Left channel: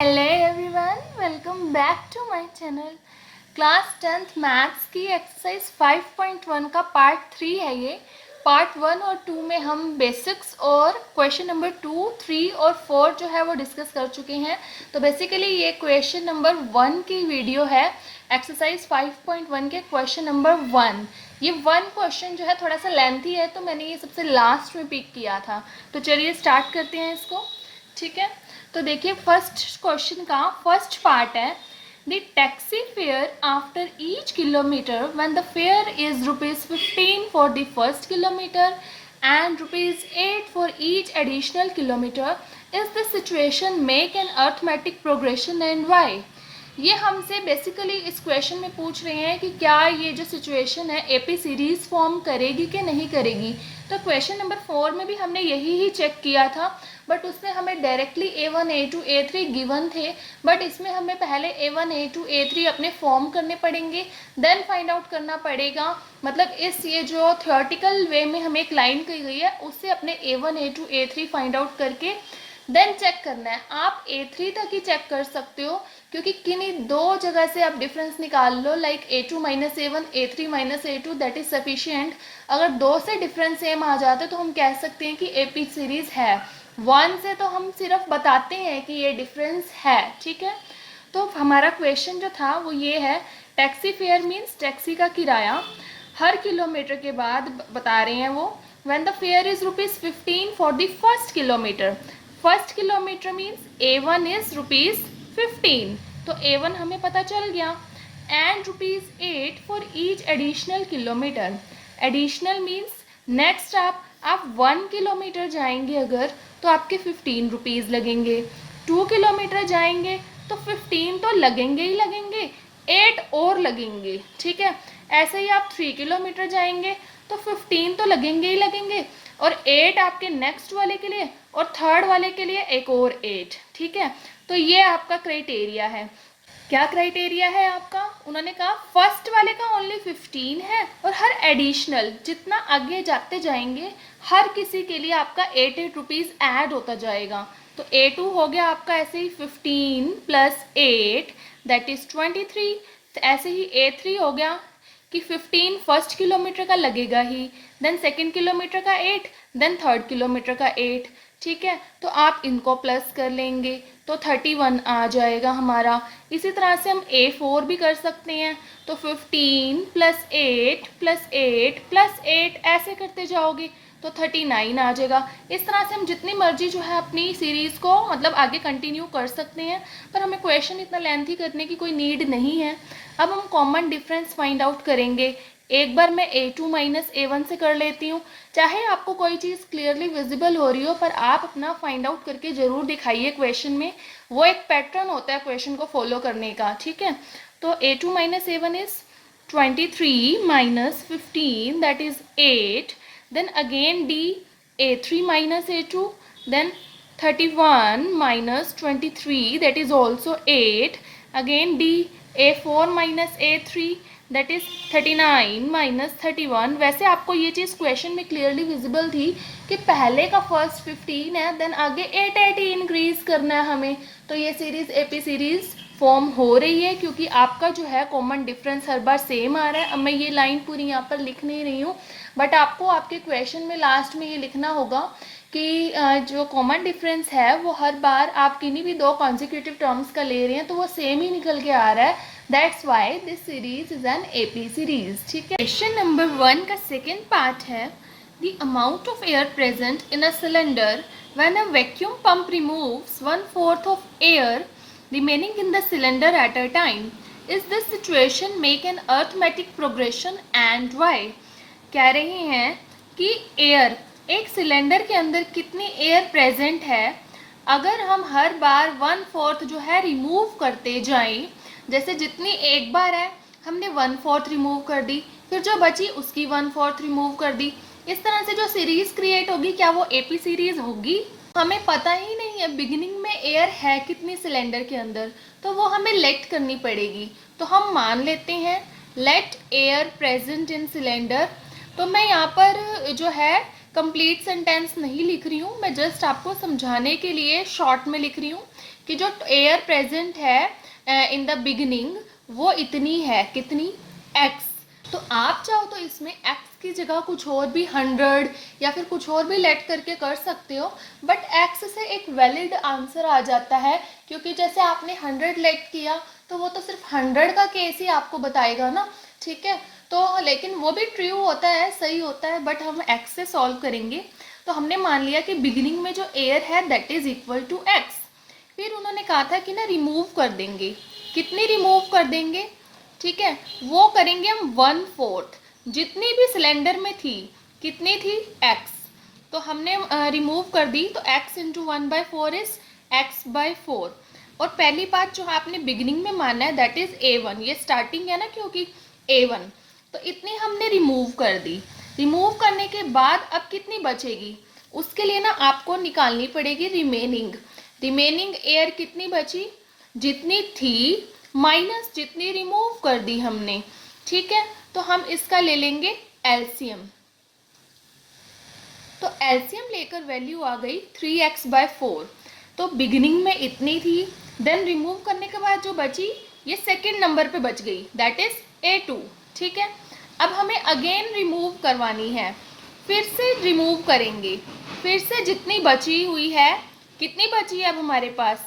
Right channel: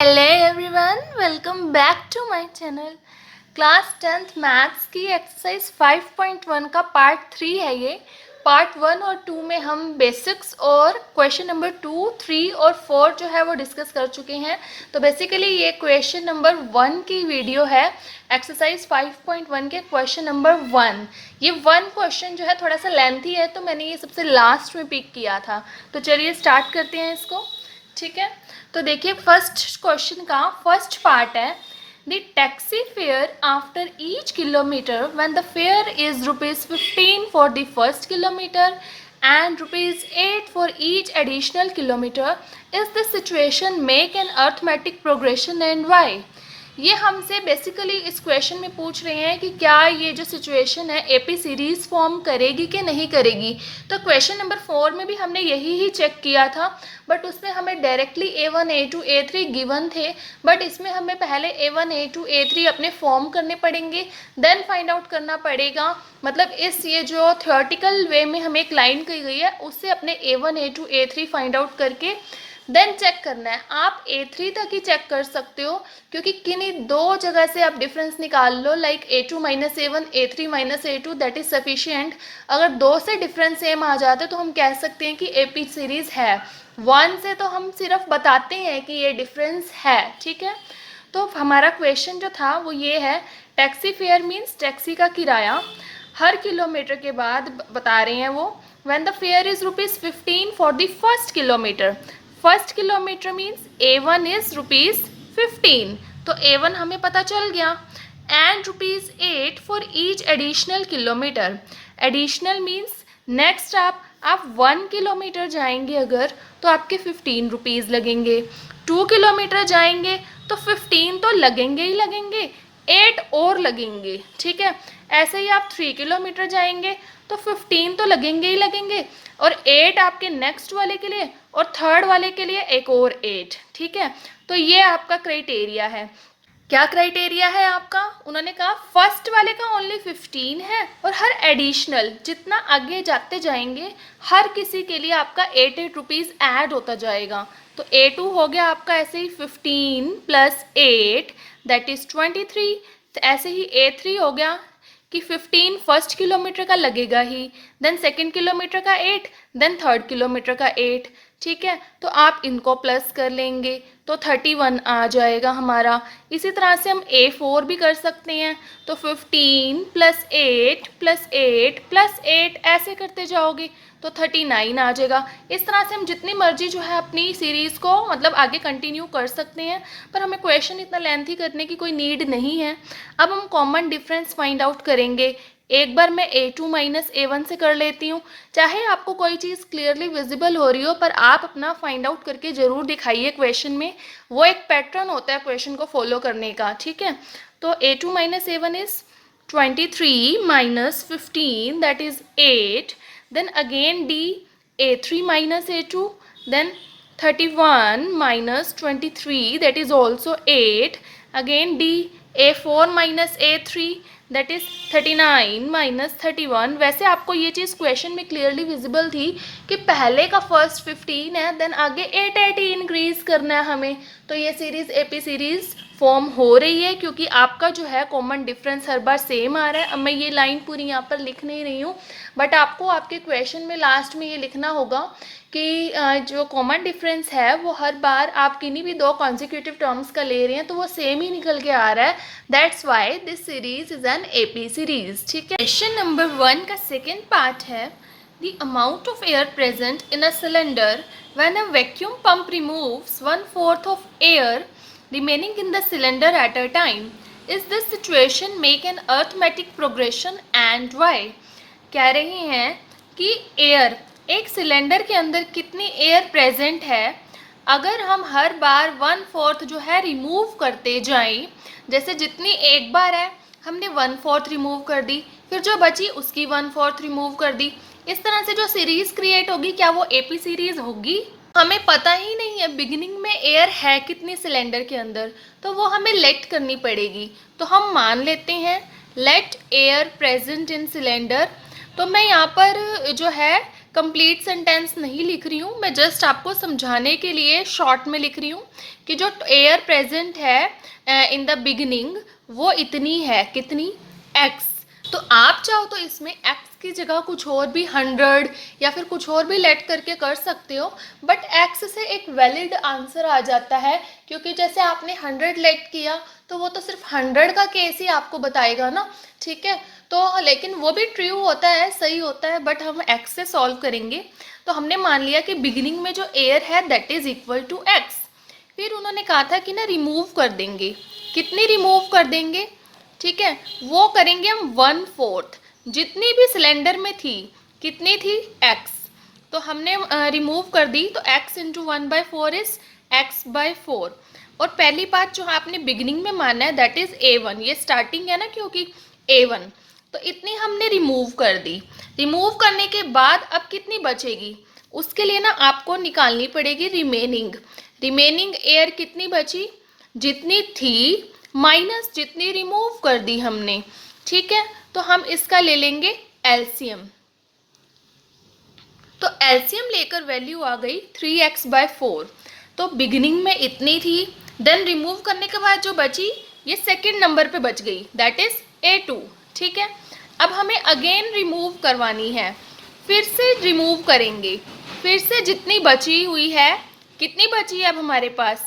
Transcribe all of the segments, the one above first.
Hello everyone, welcome back to my channel. Class 10th maths की exercise 5.1 का part 3 है ये। पार्ट 1 और 2 में हम बेसिक्स और क्वेश्चन नंबर 2, 3 और 4 जो है वो डिस्कस कर चुके हैं। तो बेसिकली ये क्वेश्चन नंबर 1 की वीडियो है, एक्सरसाइज 5.1 के क्वेश्चन नंबर 1। ये 1 क्वेश्चन जो है थोड़ा सा लेंथी है, तो मैंने ये सबसे लास्ट में पिक किया था। तो चलिए स्टार्ट करते हैं इसको, ठीक है। तो देखिए फर्स्ट क्वेश्चन का फर्स्ट पार्ट है, the taxi fare after each kilometre when the fair is ₹15 for the first kilometre and ₹8 for each additional kilometer. Is this situation make an arithmetic progression and why? ये हमसे basically इस question में पूछ रहे हैं कि क्या ये जो सिचुएशन है एपी सीरीज फॉर्म करेगी कि नहीं करेगी। तो क्वेश्चन नंबर 4 में भी हमने यही ही चेक किया था, बट उसमें हमें directly A1, A2, A3 given थे, बट इसमें हमें पहले A1, A2, A3 अपने फॉर्म करने पड़ेंगे, देन फाइंड आउट करना पड़ेगा। मतलब इस ये जो थ्योरेटिकल वे में हमें एक लाइन कही गई है उससे अपने A1, A2, A3 find out करके देन चेक करना है। आप A3 तक ही चेक कर सकते हो, क्योंकि किन्हीं दो जगह से आप डिफरेंस निकाल लो, like A2 minus A1, A3 minus A2, that is sufficient. अगर दो से डिफरेंस सेम आ जाते तो हम कह सकते हैं कि एपी सीरीज है। 1 से तो हम सिर्फ बताते हैं कि ये डिफरेंस है, ठीक है। तो हमारा क्वेश्चन जो था वो ये है, टैक्सी फेयर मीन्स टैक्सी का किराया हर किलोमीटर के बाद बता रहे हैं वो, when the fair is ₹15 for the first kilometre. First kilometre means A1 is ₹15, तो A1 हमें पता चल गया, and ₹8 for each additional kilometre. Additional means next आप 1 किलोमीटर जाएंगे अगर तो आपके ₹15 लगेंगे, 2 किलोमीटर जाएंगे तो 15 तो लगेंगे ही लगेंगे, 8 और लगेंगे, ठीक है। ऐसे ही आप 3 किलोमीटर जाएंगे तो 15 तो लगेंगे ही लगेंगे, और 8 आपके नेक्स्ट वाले के लिए और थर्ड वाले के लिए एक और 8, ठीक है। तो ये आपका क्राइटेरिया है। क्या क्राइटेरिया है आपका? उन्होंने कहा फर्स्ट वाले का ओनली 15 है, और हर एडिशनल जितना आगे जाते जाएंगे हर किसी के लिए आपका 8 रुपीज़ ऐड होता जाएगा। तो A2 हो गया आपका ऐसे ही 15 प्लस 8 दैट इज 23। तो ऐसे ही A3 हो गया कि 15 फर्स्ट किलोमीटर का लगेगा ही, देन सेकेंड किलोमीटर का 8, देन थर्ड किलोमीटर का 8, ठीक है। तो आप इनको प्लस कर लेंगे तो 31 आ जाएगा हमारा। इसी तरह से हम A4 भी कर सकते हैं, तो 15 प्लस 8 प्लस 8 प्लस 8 ऐसे करते जाओगे तो 39 आ जाएगा। इस तरह से हम जितनी मर्जी जो है अपनी सीरीज़ को मतलब आगे कंटिन्यू कर सकते हैं, पर हमें क्वेश्चन इतना लेंथी करने की कोई नीड नहीं है। अब हम कॉमन डिफरेंस फाइंड आउट करेंगे। एक बार मैं A2 माइनस A1 से कर लेती हूँ, चाहे आपको कोई चीज़ क्लियरली विजिबल हो रही हो पर आप अपना फाइंड आउट करके ज़रूर दिखाइए क्वेश्चन में, वो एक पैटर्न होता है क्वेश्चन को फॉलो करने का, ठीक है। तो A2 minus A1 is 23 minus 15 that is 8, then again D A3 minus A2, then 31 minus 23 that is also 8, again D A4 minus A3 that is 39 minus 31। वैसे आपको ये चीज़ क्वेश्चन में क्लियरली विजिबल थी कि पहले का फर्स्ट 15 है, देन आगे 8 इंक्रीज करना है हमें। तो ये सीरीज एपी सीरीज फॉर्म हो रही है, क्योंकि आपका जो है कॉमन डिफरेंस हर बार सेम आ रहा है। अब मैं ये लाइन पूरी यहाँ पर लिख नहीं रही हूँ, बट आपको आपके क्वेश्चन में लास्ट में ये लिखना होगा कि जो कॉमन डिफरेंस है वो हर बार आप किन्हीं भी दो कॉन्जिक्यूटिव टर्म्स का ले रहे हैं तो वो सेम ही निकल के आ रहा है। That's why this series is an AP series, ठीक है। क्वेश्चन नंबर 1 का सेकेंड पार्ट है, the amount of air present in a cylinder when a vacuum pump removes 1/4 of air remaining in the cylinder at a time. Is this situation make an arithmetic progression and why? कह रहे हैं कि air, एक cylinder के अंदर कितनी air present है, अगर हम हर बार 1/4 जो है रिमूव करते जाएं, जैसे जितनी एक बार है हमने 1/4 रिमूव कर दी, फिर जो बची उसकी 1/4 रिमूव कर दी, इस तरह से जो सीरीज क्रिएट होगी क्या वो एपी सीरीज होगी? हमें पता ही नहीं है बिगिनिंग में एयर है कितनी सिलेंडर के अंदर, तो वो हमें लेट करनी पड़ेगी। तो हम मान लेते हैं let air present in cylinder. तो मैं यहाँ पर जो है कंप्लीट सेंटेंस नहीं लिख रही हूँ, मैं जस्ट आपको समझाने के लिए शॉर्ट में लिख रही हूँ कि जो एयर प्रेजेंट है इन द बिगिनिंग वो इतनी है, कितनी, x। तो आप चाहो तो इसमें x की जगह कुछ और भी 100 या फिर कुछ और भी लेट करके कर सकते हो, बट x से एक वैलिड आंसर आ जाता है, क्योंकि जैसे आपने 100 लेट किया तो वो तो सिर्फ 100 का केस ही आपको बताएगा ना, ठीक है। तो लेकिन वो भी ट्रू होता है, सही होता है, बट हम x से सॉल्व करेंगे। तो हमने मान लिया कि बिगिनिंग में जो एयर है that is equal to x। फिर उन्होंने कहा था कि ना रिमूव कर देंगे, कितनी रिमूव कर देंगे, ठीक है, वो करेंगे हम 1/4 जितनी भी सिलेंडर में थी, कितनी थी, x। तो हमने रिमूव कर दी, तो x इंटू 1/4 इज x/4। और पहली बात जो आपने बिगिनिंग में माना है दैट इज a1, ये स्टार्टिंग है ना क्योंकि a1, तो इतनी हमने रिमूव कर दी। रिमूव करने के बाद अब कितनी बचेगी, उसके लिए ना आपको निकालनी पड़ेगी रिमेनिंग। रिमेनिंग एयर कितनी बची, जितनी थी माइनस जितनी रिमूव कर दी हमने, ठीक है। तो हम इसका ले लेंगे एलसीएम। तो एलसीएम लेकर वैल्यू आ गई 3x/4। तो बिगिनिंग में इतनी थी, देन रिमूव करने के बाद जो बची ये सेकंड नंबर पे बच गई, दैट इज a2, ठीक है। अब हमें अगेन रिमूव करवानी है, फिर से रिमूव करेंगे, फिर से जितनी बची हुई है, कितनी बची है अब हमारे पास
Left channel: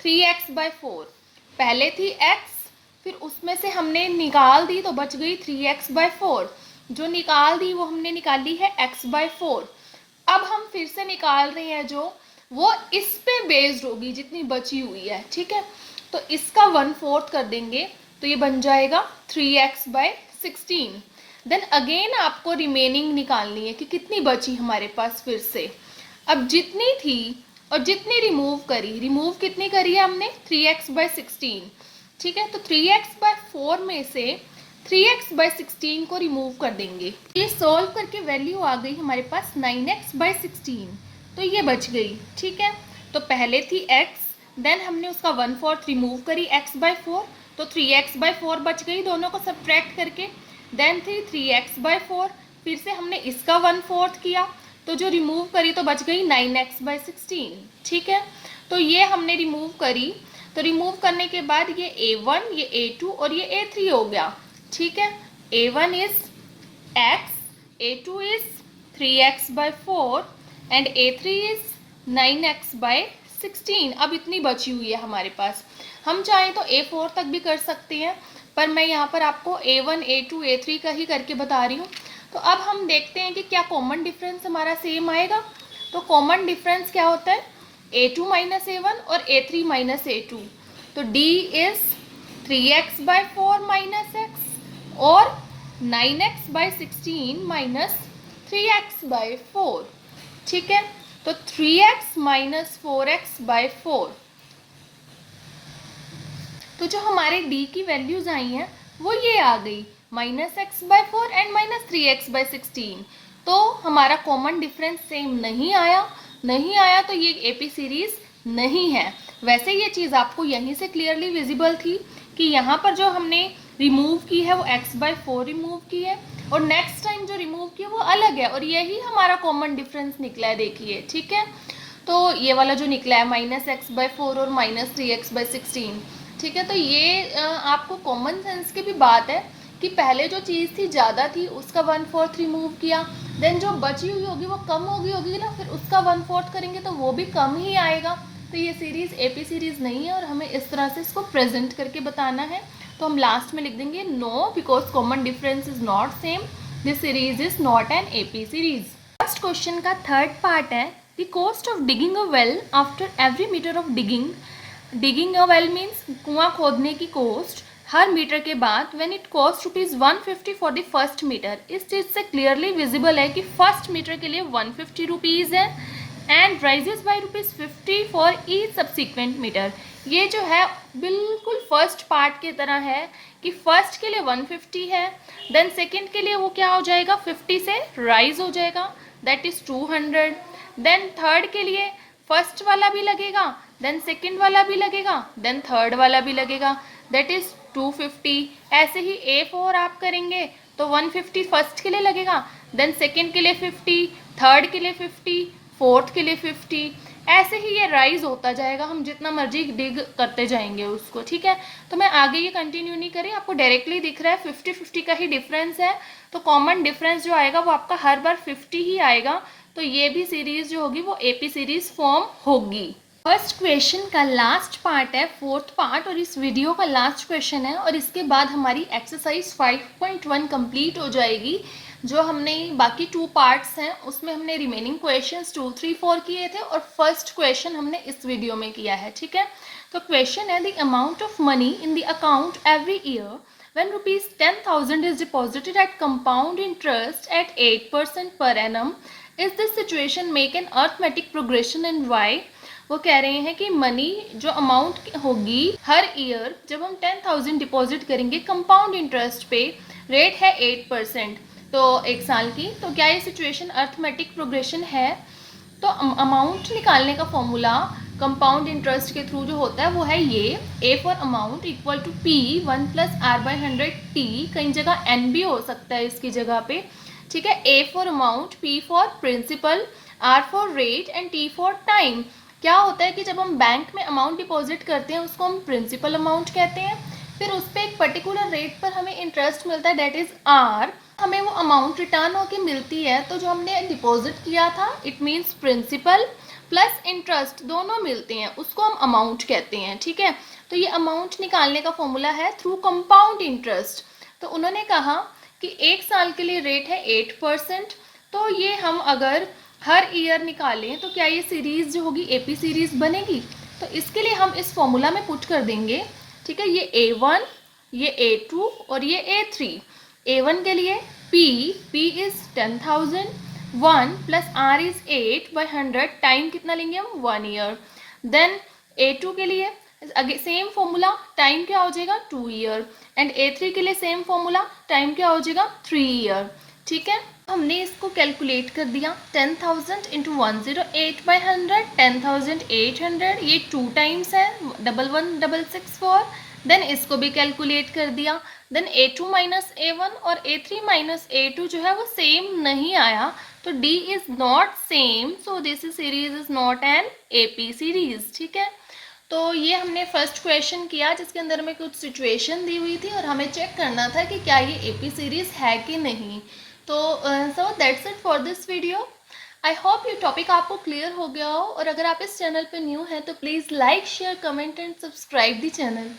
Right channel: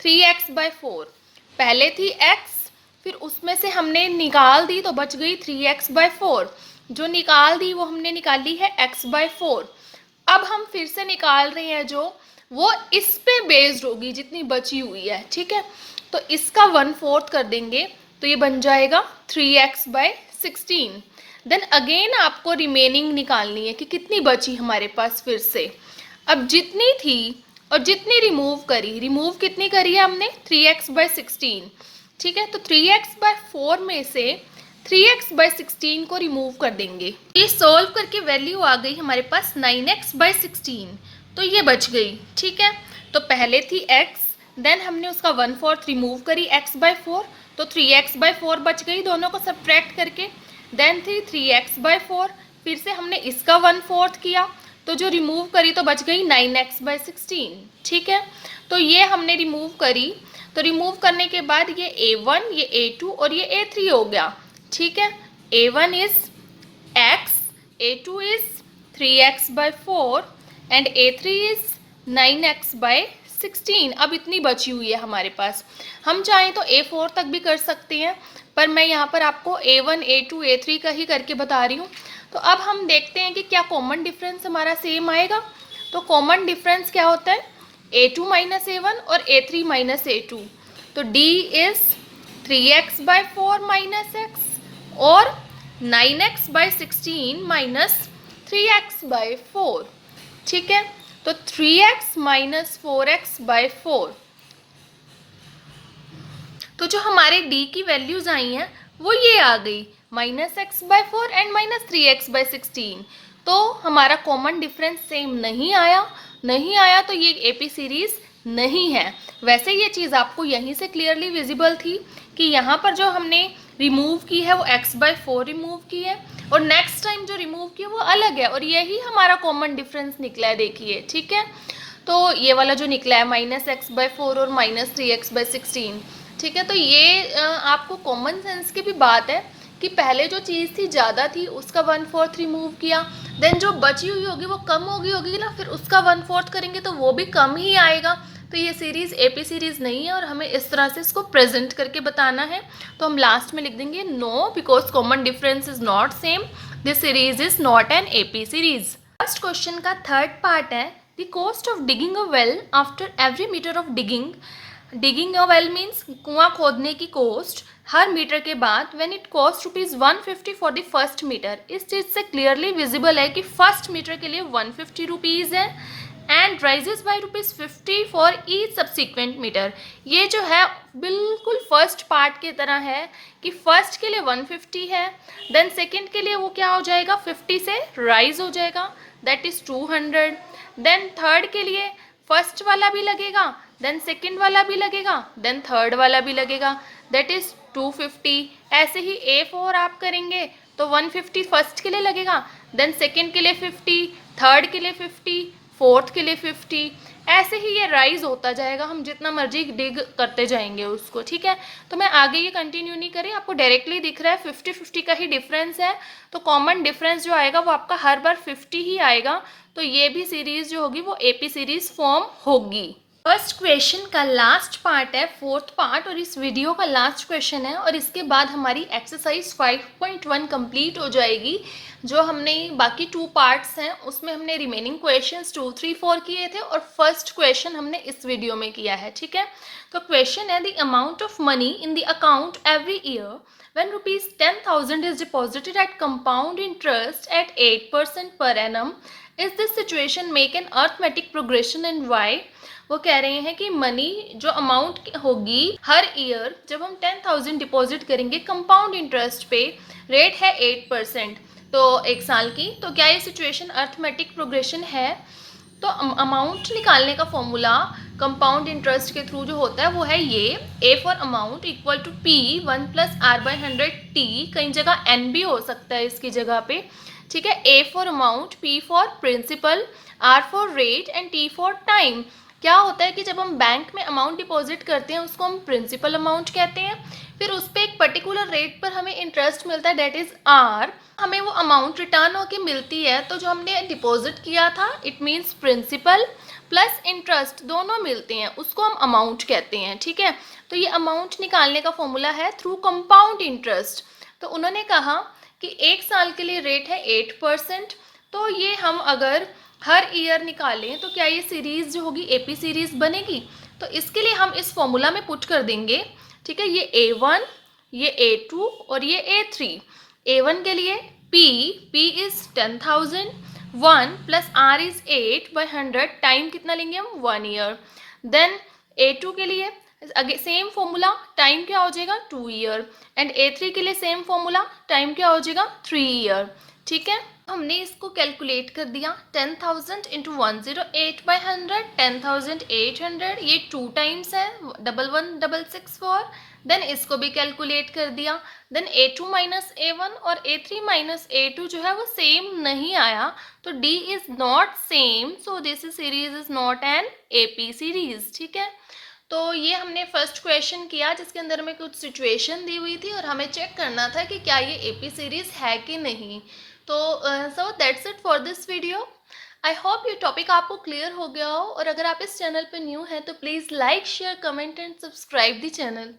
3x/4। पहले थी x, फिर उसमें से हमने निकाल दी तो बच गई 3x/4, जो निकाल दी वो हमने निकाली है x/4। अब हम फिर से निकाल रहे हैं जो वो इस पे बेस्ड होगी जितनी बची हुई है, ठीक है। तो इसका 1/4 कर देंगे तो ये बन जाएगा 3x/16। देन अगेन आपको रिमेनिंग निकालनी है कि कितनी बची हमारे पास फिर से। अब जितनी थी और जितनी रिमूव कितनी करी है हमने 3x/16, ठीक है। तो 3x/4 में से 3x/16 को रिमूव कर देंगे। ये सॉल्व करके वैल्यू आ गई हमारे पास 9x/16, तो ये बच गई, ठीक है। तो पहले थी x, देन हमने उसका 1/4 रिमूव करी x/4, तो 3x/4 बच गई दोनों को सब्ट्रैक्ट करके। देन थी 3x/4, फिर से हमने इसका 1/4 किया, तो जो रिमूव करी तो बच गई 9x/16, ठीक है। तो ये हमने रिमूव करी, तो रिमूव करने के बाद ये a1, ये a2 और ये a3 हो गया, ठीक है। a1 is x, a2 is 3x/4 and a3 is 9x/16। अब इतनी बची हुई है हमारे पास, हम चाहें तो a4 तक भी कर सकते हैं, पर मैं यहाँ पर आपको a1, a2, a3 का ही करके बता रही हूँ। तो अब हम देखते हैं कि क्या कॉमन डिफरेंस हमारा सेम आएगा। तो कॉमन डिफरेंस क्या होता है, a2 माइनस a1 और a3 माइनस a2। तो d is 3x/4 minus x और 9x/16 माइनस 3x/4, ठीक है। तो 3x माइनस 4x/4। तो जो हमारे d की वैल्यूज आई हैं वो ये आ गई -x/4 एंड -3x/16। तो हमारा कॉमन डिफरेंस सेम नहीं आया तो ये एपी सीरीज नहीं है। वैसे ये चीज़ आपको यहीं से क्लियरली विजिबल थी कि यहाँ पर जो हमने रिमूव की है वो x/4 रिमूव की है और नेक्स्ट टाइम जो रिमूव की है वो अलग है, और यही हमारा कॉमन डिफरेंस निकला है, देखिए, ठीक है। तो ये वाला जो निकला है -x/4 और -3x/16, ठीक है। तो ये आपको कॉमन सेंस की भी बात है कि पहले जो चीज़ थी ज़्यादा थी उसका 1/4 रिमूव किया, देन जो बची हुई होगी वो कम होगी ना, फिर उसका 1/4 करेंगे तो वो भी कम ही आएगा। तो ये सीरीज़ एपी सीरीज़ नहीं है और हमें इस तरह से इसको प्रेजेंट करके बताना है। तो हम लास्ट में लिख देंगे no, because common difference is not same, this series is not an AP series. First question का थर्ड पार्ट है the cost of digging a well after every metre of digging a well means कुआं खोदने की cost हर metre के बाद when it cost ₹150 for the first metre. इस चीज़ से क्लियरली विजिबल है कि फर्स्ट मीटर के लिए 150 रुपीज़ है and rises by ₹50 for each subsequent metre. ये जो है बिल्कुल फर्स्ट पार्ट की तरह है कि फर्स्ट के लिए 150 है, देन सेकेंड के लिए वो क्या हो जाएगा 50 से राइज हो जाएगा, दैट इज़ 200। देन थर्ड के लिए फर्स्ट वाला भी लगेगा, देन सेकेंड वाला भी लगेगा, देन थर्ड वाला भी लगेगा, दैट इज़ 250। ऐसे ही A4 आप करेंगे तो 150 फर्स्ट के लिए लगेगा, देन सेकेंड के लिए 50, थर्ड के लिए 50, फोर्थ के लिए 50, ऐसे ही ये राइज होता जाएगा, हम जितना मर्जी डिग करते जाएंगे उसको, ठीक है। तो मैं आगे ये कंटिन्यू नहीं करी, आपको डायरेक्टली दिख रहा है 50-50 का ही डिफरेंस है, तो कॉमन डिफरेंस जो आएगा वो आपका हर बार 50 ही आएगा। तो ये भी सीरीज जो होगी वो एपी सीरीज फॉर्म होगी। फर्स्ट क्वेश्चन का लास्ट पार्ट है, फोर्थ पार्ट, और इस वीडियो का लास्ट क्वेश्चन है, और इसके बाद हमारी एक्सरसाइज 5.1 कंप्लीट हो जाएगी। जो हमने बाकी 2 पार्ट्स हैं उसमें हमने रिमेनिंग क्वेश्चंस 2, 3, 4 किए थे, और फर्स्ट क्वेश्चन हमने इस वीडियो में किया है, ठीक है। तो क्वेश्चन है, the amount of money in the account every year when rupees 10,000 is deposited at compound interest at 8% per annum, is this situation make an arithmetic progression and why? वो कह रहे हैं कि मनी जो अमाउंट होगी हर year जब हम 10,000 deposit करेंगे कंपाउंड इंटरेस्ट पे, रेट है 8%, तो 1 साल की, तो क्या ये सिचुएशन अर्थमेटिक प्रोग्रेशन है? तो अमाउंट निकालने का फॉर्मूला कंपाउंड इंटरेस्ट के थ्रू जो होता है वो है ये, A for amount equal to P 1 + r/100 T, कई जगह एन भी हो सकता है इसकी जगह पे, ठीक है। A for amount, P for principal, R for rate and T for time. क्या होता है कि जब हम बैंक में अमाउंट डिपॉजिट करते हैं उसको हम प्रिंसिपल अमाउंट कहते हैं, फिर उस पर एक पर्टिकुलर रेट पर हमें इंटरेस्ट मिलता है, डेट इज आर, हमें वो अमाउंट रिटर्न होके मिलती है, तो जो हमने डिपॉजिट किया था it means principal plus interest दोनों मिलते हैं, उसको हम अमाउंट कहते हैं, ठीक है। तो ये अमाउंट निकालने का फॉर्मूला है थ्रू कंपाउंड इंटरेस्ट। तो उन्होंने कहा कि 1 साल के लिए रेट है 8%, तो ये हम अगर हर ईयर निकालें तो क्या ये सीरीज जो होगी एपी सीरीज बनेगी? तो इसके लिए हम इस फॉर्मूला में पुट कर देंगे, ठीक है। ये A1, ये A2 और ये A3। A1 के लिए P is 10,000, 1 + R is 8/100, time कितना लेंगे हम? 1 ईयर। देन A2 के लिए सेम फॉर्मूला, टाइम क्या हो जाएगा? 2 ईयर। एंड A3 के लिए सेम फॉर्मूला, टाइम क्या हो जाएगा? 3 ईयर, ठीक है। हमने इसको कैलकुलेट कर दिया, 10,000 × 108/100, 10,800, ये 2 टाइम्स है, 11,164। देन इसको भी कैलकुलेट कर दिया, देन A2 - A1 और A3 - A2 जो है वो सेम नहीं आया, तो D is not same, so this series is not N AP series, ठीक है। तो ये हमने फर्स्ट क्वेश्चन किया जिसके अंदर में कुछ सिचुएशन दी हुई थी और हमें चेक करना था कि क्या ये AP सीरीज है कि नहीं। तो so that's it for this video. I hope ये टॉपिक आपको क्लियर हो गया हो, और अगर आप इस चैनल पे न्यू हैं तो please like, share, comment and subscribe the channel.